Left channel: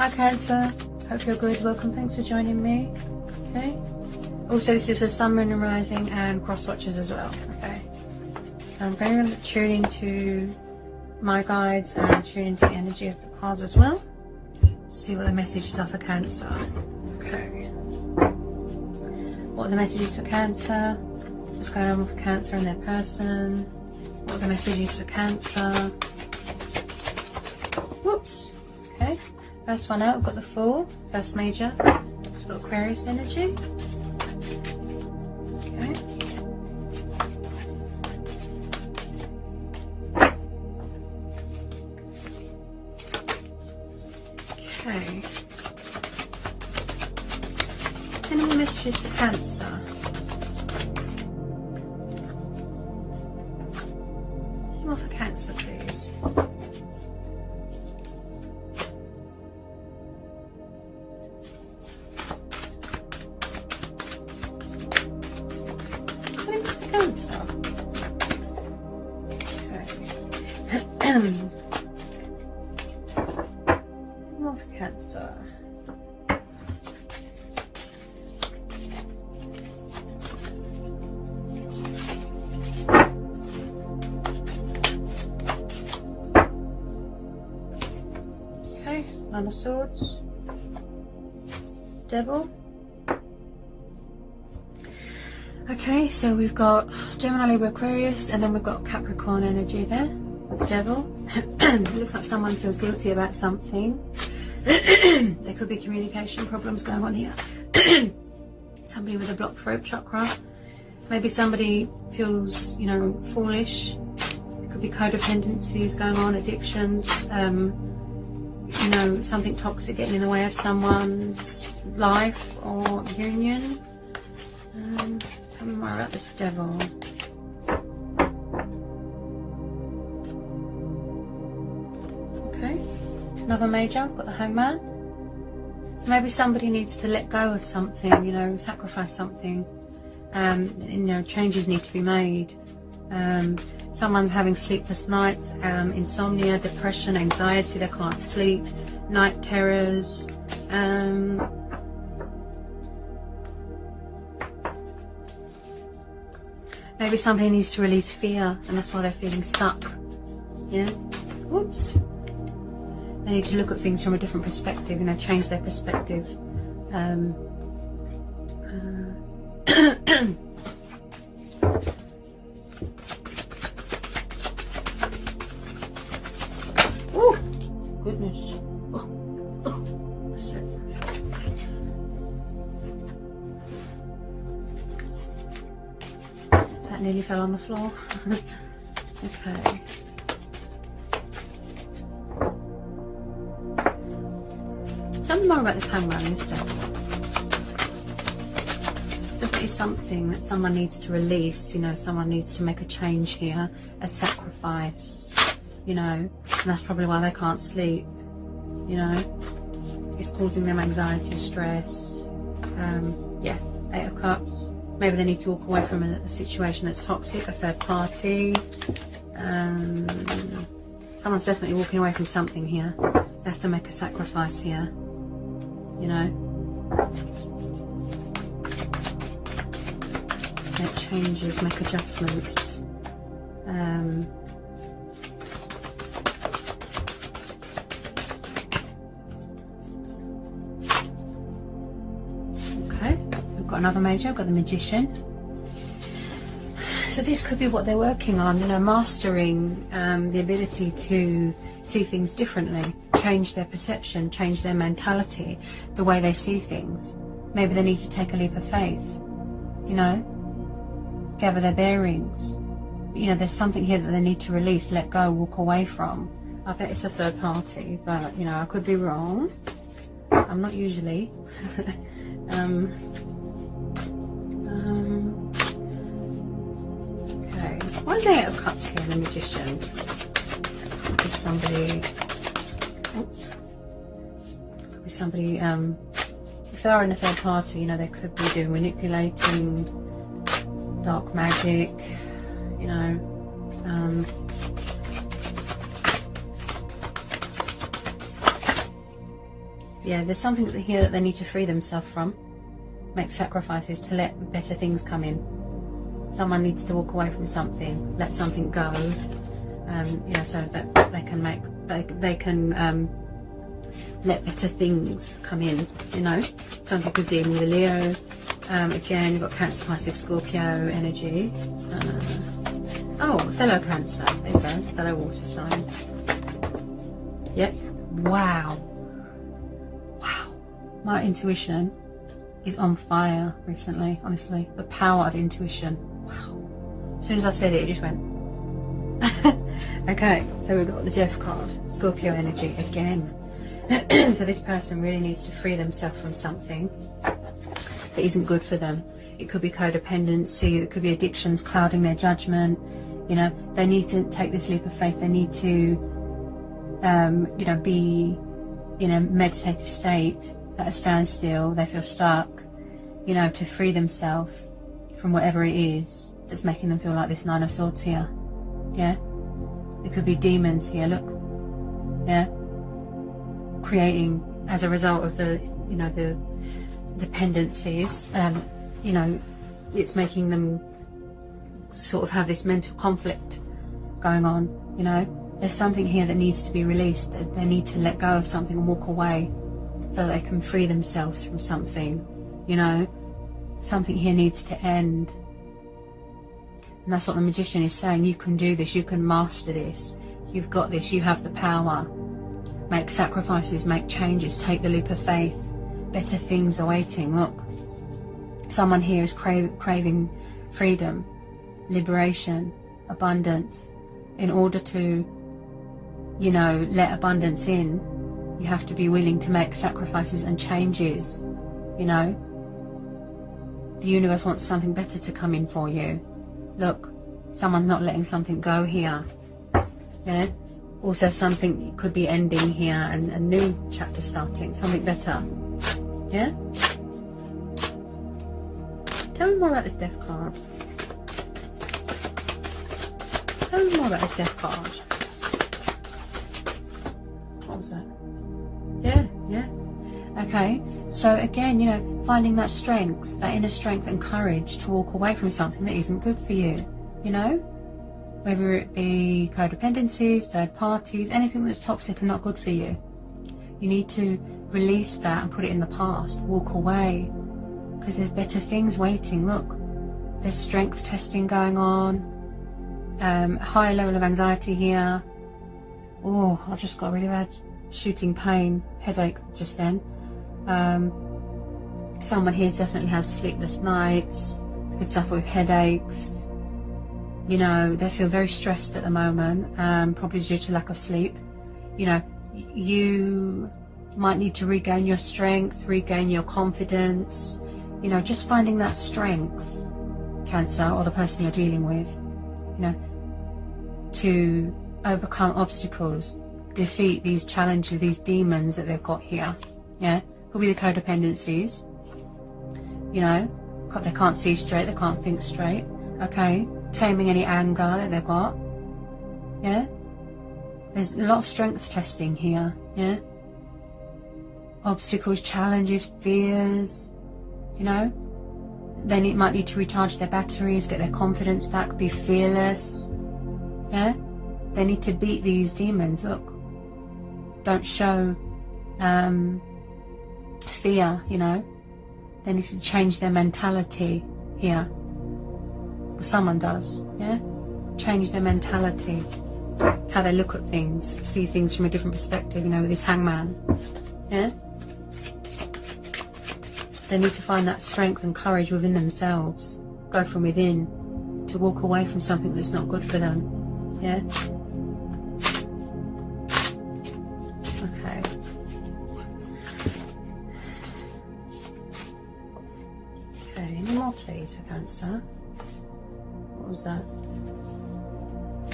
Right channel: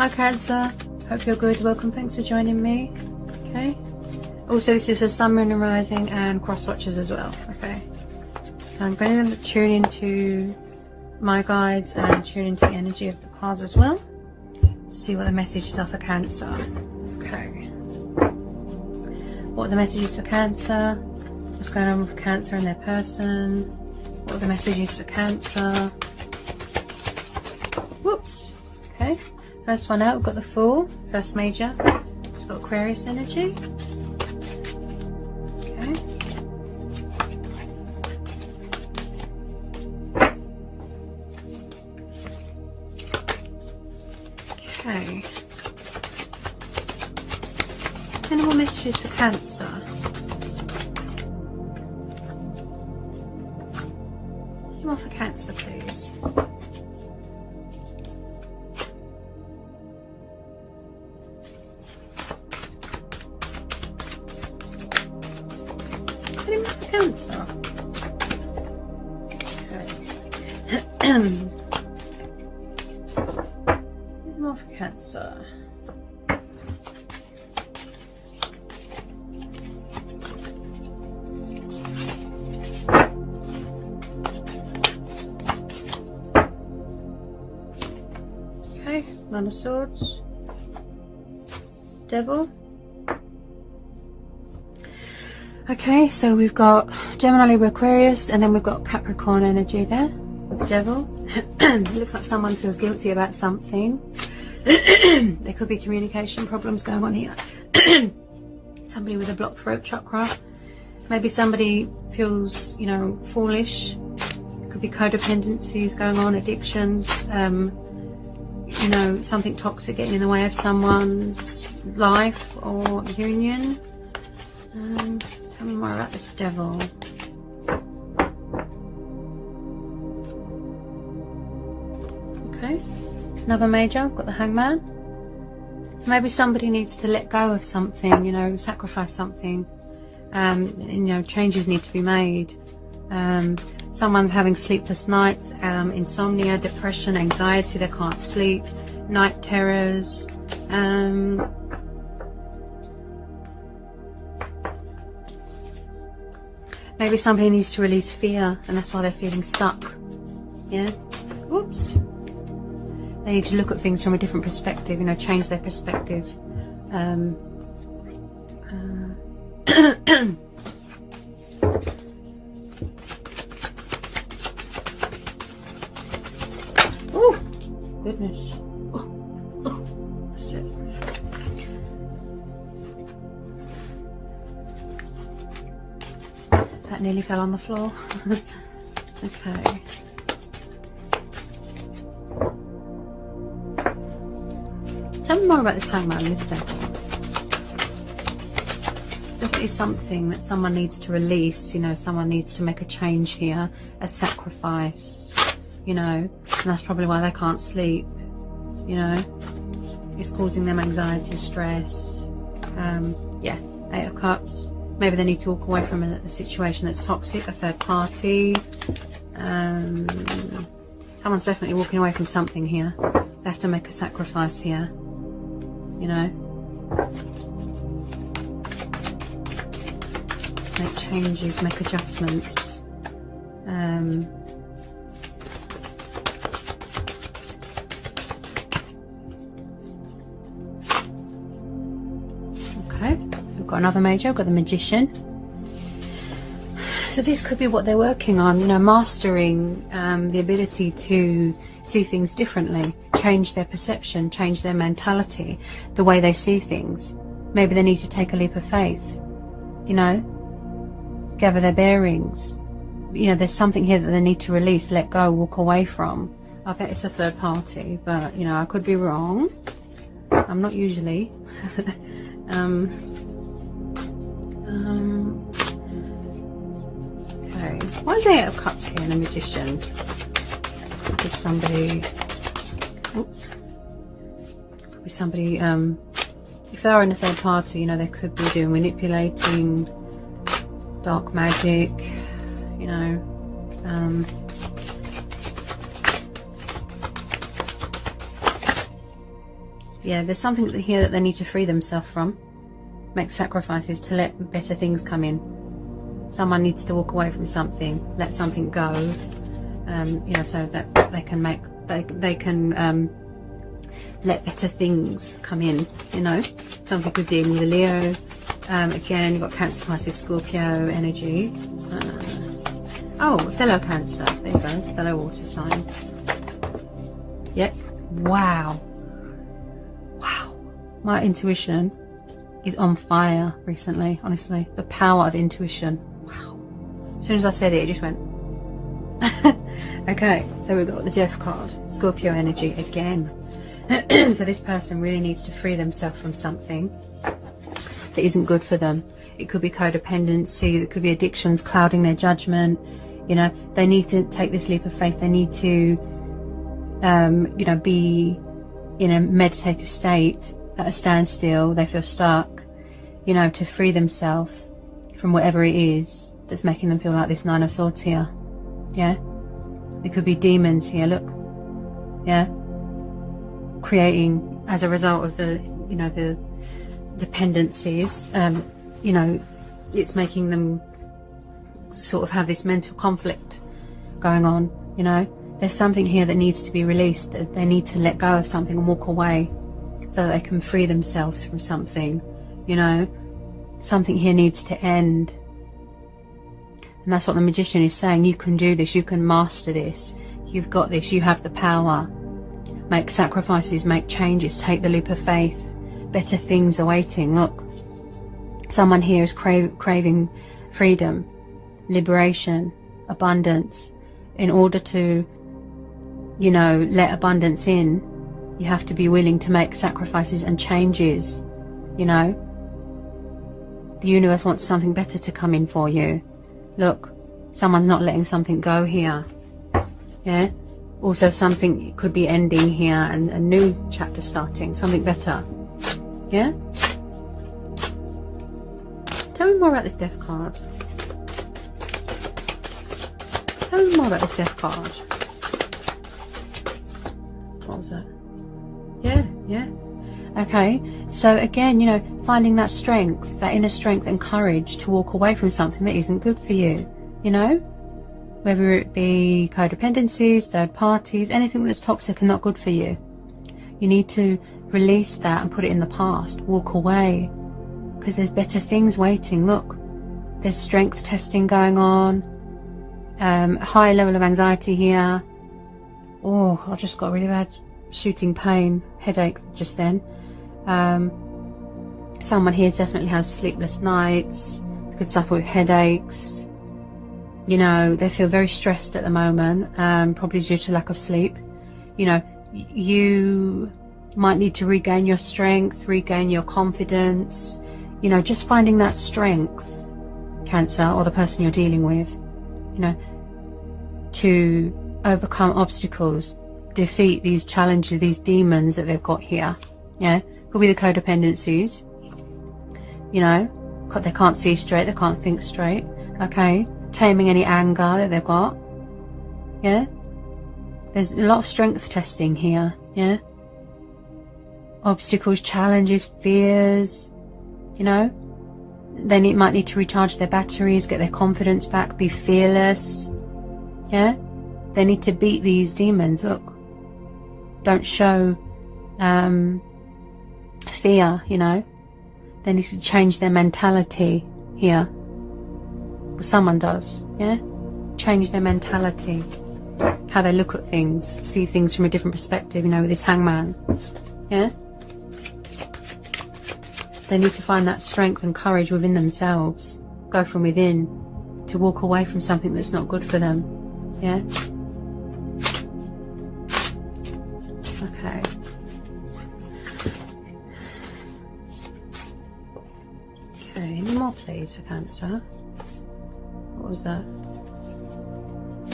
Hi Cancer, hope you're good. Welcome, thanks for joining me. Okay. Also, this is for Sun, Moon and Rising and cross watchers as well. Okay. So I'm going to tune into my guides and tune into the energy of the cards as well. See what the messages are for Cancer. Okay. What are the messages for Cancer? What's going on with Cancer and their person? What are the messages for Cancer? Whoops. Okay. First one out, we've got the Fool. First major. We've got Aquarius energy. Okay. Okay. Any more messages for Cancer? Any more for Cancer, please? Any more for Cancer? Okay. Any more for Cancer? Nine of Swords, Devil. Okay, so we've got Gemini, Libra, Aquarius, and then we've got Capricorn energy there, Devil. Looks like someone feels guilty about something. There could be communication problems going on here. Somebody with a blocked throat chakra. Maybe somebody feels, you know, foolish. Could be codependencies going on, addictions. You know, something toxic getting in the way of someone's life or union. Tell me more about this Devil. Okay, another major, I've got the Hangman. So maybe somebody needs to let go of something, you know, sacrifice something. You know, changes need to be made. Someone's having sleepless nights, insomnia, depression, anxiety, they can't sleep, night terrors. Maybe somebody needs to release fear and that's why they're feeling stuck. Yeah? Whoops. They need to look at things from a different perspective, you know, change their perspective. Oh, goodness. That's it. That nearly fell on the floor. Okay. Tell me more about this Hangman in this deck. Definitely something that someone needs to release, you know, someone needs to make a change here, a sacrifice. You know, and that's probably why they can't sleep. You know, it's causing them anxiety, stress. Yeah, 8 of Cups. Maybe they need to walk away from a situation that's toxic, a third party. Someone's definitely walking away from something here. They have to make a sacrifice here. You know, make changes, make adjustments. Okay, I've got another major, I've got the Magician. So this could be what they're working on, you know, mastering the ability to see things differently, change their perception, change their mentality, the way they see things. Maybe they need to take a leap of faith, you know, gather their bearings. You know, there's something here that they need to release, let go, walk away from. I bet it's a third party, but, you know, I could be wrong. I'm not usually. Okay, why is the 8 of Cups here in the Magician? Could somebody, oops, could be somebody, if they are in a third party, you know, they could be doing manipulating, dark magic, you know, Yeah, there's something here that they need to free themselves from. Make sacrifices to let better things come in. Someone needs to walk away from something, let something go, you know, so that they can make, they can let better things come in, you know. Some people dealing with a Leo. Again, you've got Cancer, Pisces, Scorpio energy. Oh, fellow Cancer. There you go, fellow water sign. Yep. Wow. Wow. My intuition is on fire recently, honestly. The power of intuition. Wow. As soon as I said it, it just went. Okay, so we've got the Death card. Scorpio energy again. So this person really needs to free themselves from something that isn't good for them. It could be codependency, it could be addictions clouding their judgment. You know, they need to take this leap of faith. They need to, you know, be in a meditative state at a standstill. They feel stuck, you know, to free themselves from whatever it is that's making them feel like this Nine of Swords here. Yeah, it could be demons here, look. Yeah, creating as a result of the, you know, the dependencies. You know, it's making them sort of have this mental conflict going on. You know, there's something here that needs to be released. That they need to let go of something and walk away so that they can free themselves from something. You know, something here needs to end. And that's what the Magician is saying. You can do this. You can master this. You've got this. You have the power. Make sacrifices. Make changes. Take the leap of faith. Better things are waiting. Look, someone here is craving freedom, liberation, abundance. In order to, you know, let abundance in, you have to be willing to make sacrifices and changes. You know, the universe wants something better to come in for you. Look, someone's not letting something go here. Yeah. Also, something could be ending here and a new chapter starting. Something better. Yeah. Tell me more about this Death card. Tell me more about this Death card. What was that? Yeah, yeah. Okay, so again, you know, finding that strength, that inner strength and courage to walk away from something that isn't good for you, you know, whether it be codependencies, third parties, anything that's toxic and not good for you. You need to release that and put it in the past, walk away, because there's better things waiting. Look, there's strength testing going on, high level of anxiety here. Oh, I just got really bad shooting pain, headache just then. Someone here definitely has sleepless nights, could suffer with headaches. You know, they feel very stressed at the moment, probably due to lack of sleep. You know, you might need to regain your strength, regain your confidence. You know, just finding that strength, Cancer, or the person you're dealing with, you know, to overcome obstacles, defeat these challenges, these demons that they've got here. Yeah, could be the codependencies. You know, they can't see straight, they can't think straight. Okay, taming any anger that they've got. Yeah, there's a lot of strength testing here. Yeah, obstacles, challenges, fears. You know, they might need to recharge their batteries, get their confidence back, be fearless. Yeah, they need to beat these demons. Look, don't show fear, you know. They need to change their mentality here. Well, someone does, yeah? Change their mentality, how they look at things, see things from a different perspective, you know, with this Hangman, yeah? They need to find that strength and courage within themselves, go from within, to walk away from something that's not good for them, yeah? Okay. Okay, any more please for Cancer? What was that?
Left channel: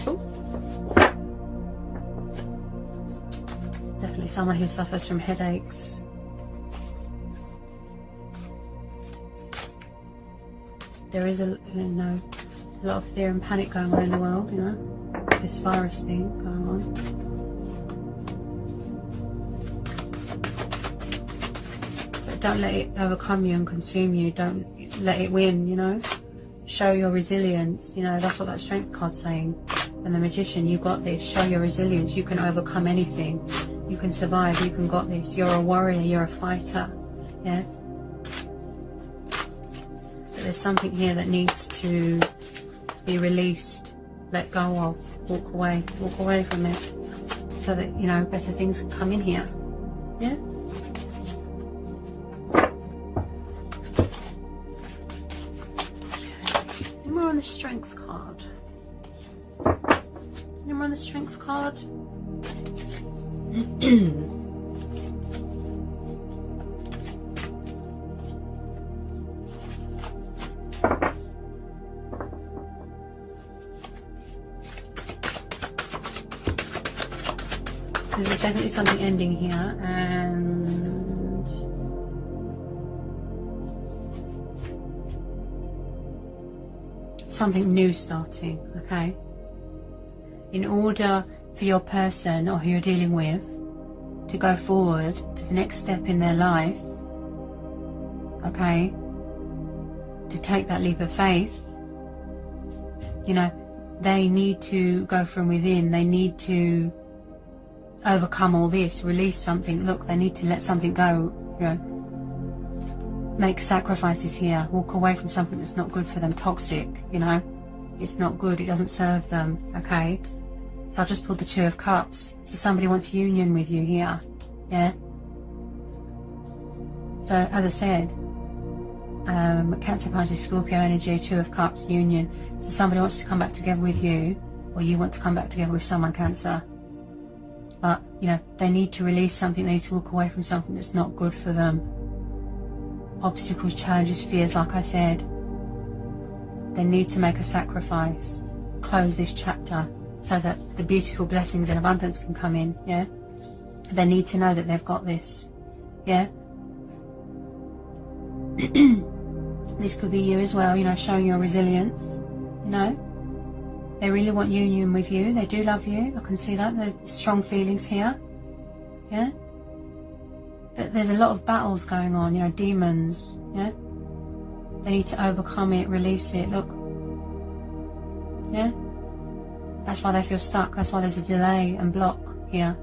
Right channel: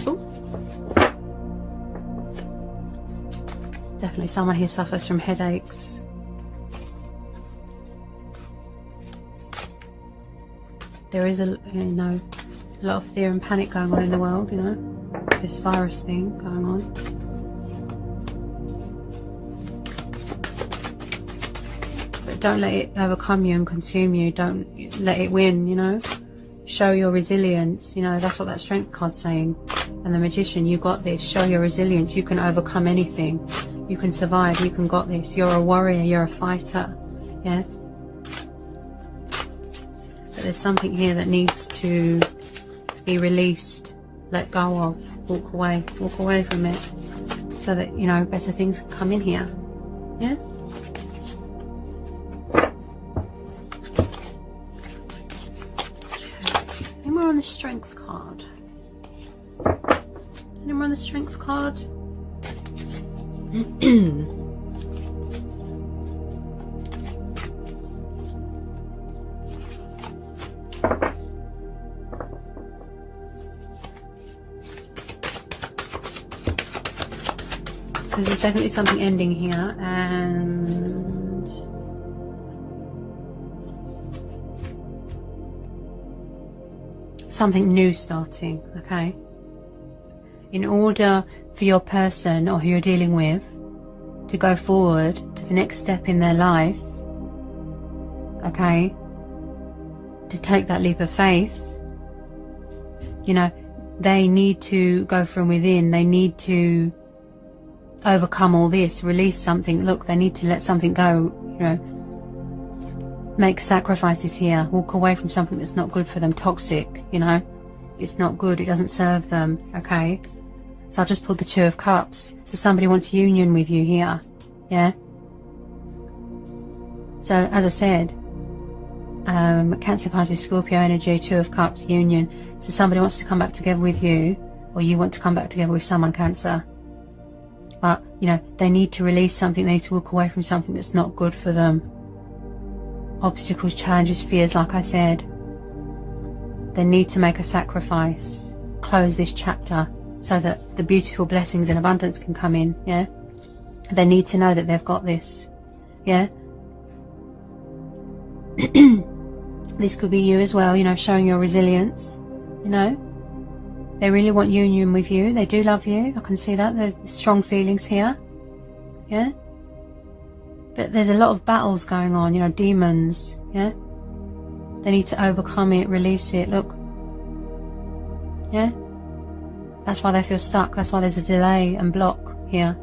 Ooh. Definitely someone here suffers from headaches. There is a lot of fear and panic going on in the world, you know, this virus thing going on. don't let it overcome you and consume you. Don't let it win, you know. Show your resilience, you know. That's what that strength card's saying. And the Magician, you got this. Show your resilience. You can overcome anything. You can survive. You can got this. You're a warrior. You're a fighter. Yeah. But there's something here that needs to be released, let go of, walk away from it, so that, you know, better things can come in here. Yeah. Okay. And we're on the Strength card. And we're on the Strength card. There's definitely something ending here, and something new starting, okay? In order for your person or who you're dealing with to go forward to the next step in their life, okay, to take that leap of faith, you know, they need to go from within. They need to overcome all this, release something. Look, they need to let something go, you know, make sacrifices here, walk away from something that's not good for them, toxic, you know, it's not good, it doesn't serve them, okay? So I just pulled the Two of Cups. So somebody wants union with you here, yeah? So as I said, Cancer, Pisces, Scorpio energy, Two of Cups, union. So somebody wants to come back together with you, or you want to come back together with someone, Cancer. But, you know, they need to release something. They need to walk away from something that's not good for them. Obstacles, challenges, fears, like I said. They need to make a sacrifice. Close this chapter so that the beautiful blessings and abundance can come in, yeah? They need to know that they've got this, yeah? This could be you as well, you know, showing your resilience, you know? They really want union with you. They do love you. I can see that. There's strong feelings here. Yeah? But there's a lot of battles going on, you know, demons. Yeah? They need to overcome it, release it. Look. Yeah? That's why they feel stuck. That's why there's a delay and block here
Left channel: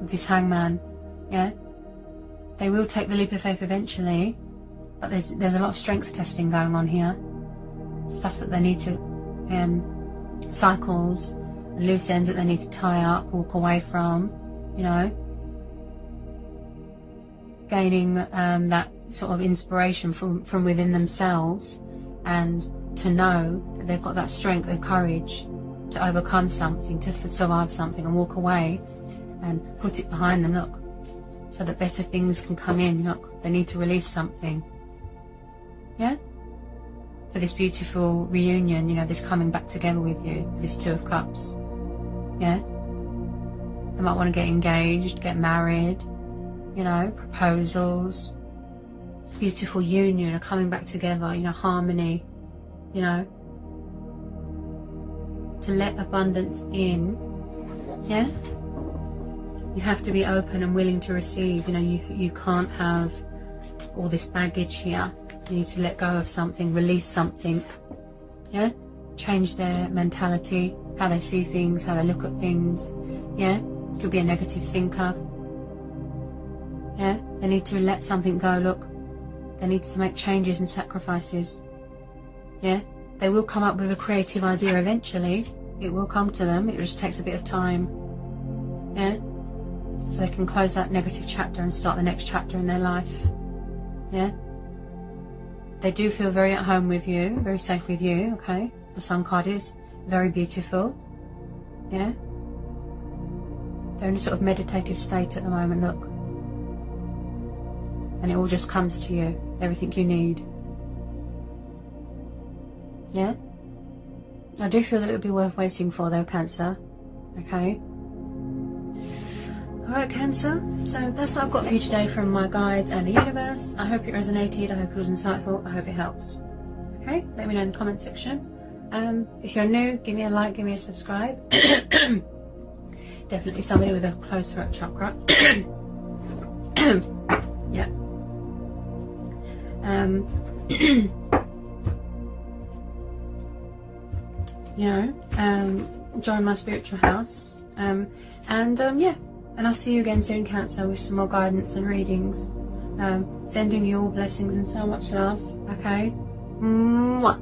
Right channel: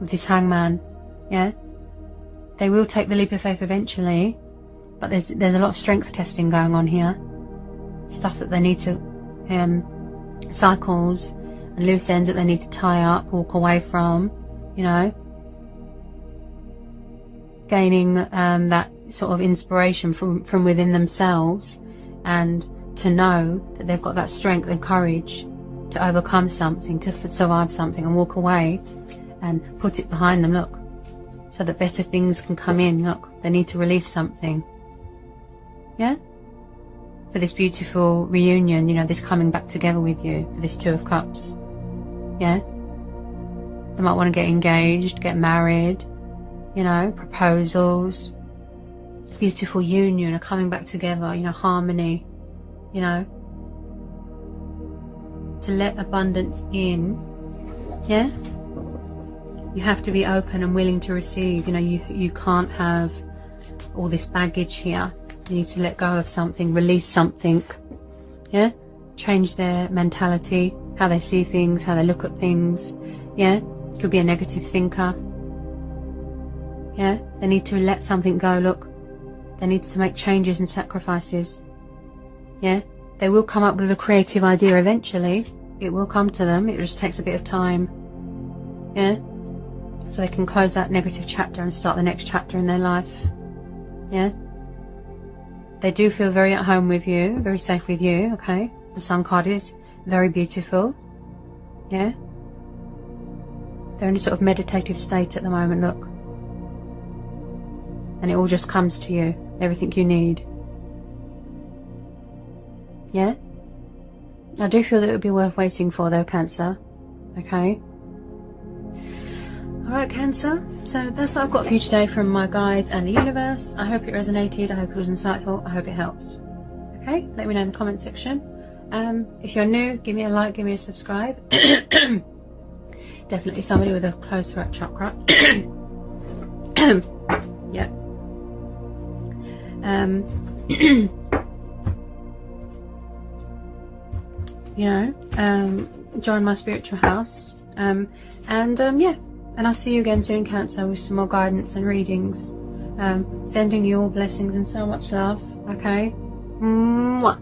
with this Hangman. Yeah? They will take the leap of faith eventually. But there's a lot of strength testing going on here. Stuff that they need to... cycles and loose ends that they need to tie up, walk away from, you know, gaining that sort of inspiration from within themselves, and to know that they've got that strength and courage to overcome something, to survive something, and walk away and put it behind them, look, so that better things can come in. Look, they need to release something, yeah, for this beautiful reunion, you know, this coming back together with you, for this Two of Cups, yeah? They might want to get engaged, get married, you know, proposals, beautiful union, or coming back together, you know, harmony, you know, to let abundance in, yeah? You have to be open and willing to receive, you know, you can't have all this baggage here. You need to let go of something, release something, yeah? Change their mentality, how they see things, how they look at things, yeah? Could be a negative thinker, yeah? They need to let something go, look. They need to make changes and sacrifices, yeah? They will come up with a creative idea eventually. It will come to them, it just takes a bit of time, yeah? So they can close that negative chapter and start the next chapter in their life, yeah? They do feel very at home with you, very safe with you, okay? The Sun card is very beautiful, yeah? They're in a sort of meditative state at the moment, look. And it all just comes to you, everything you need. Yeah? I do feel that it would be worth waiting for though, Cancer, okay? Alright, Cancer, so that's what I've got for you today from my guides and the universe. I hope it resonated, I hope it was insightful, I hope it helps. Okay, let me know in the comment section. If you're new, give me a like, give me a subscribe. Definitely somebody with a closed throat chakra. Yeah. you know, join my spiritual house. Yeah, and I'll see you again soon, Cancer, with some more guidance and readings. Sending you all blessings and so much love. Okay. Mwah.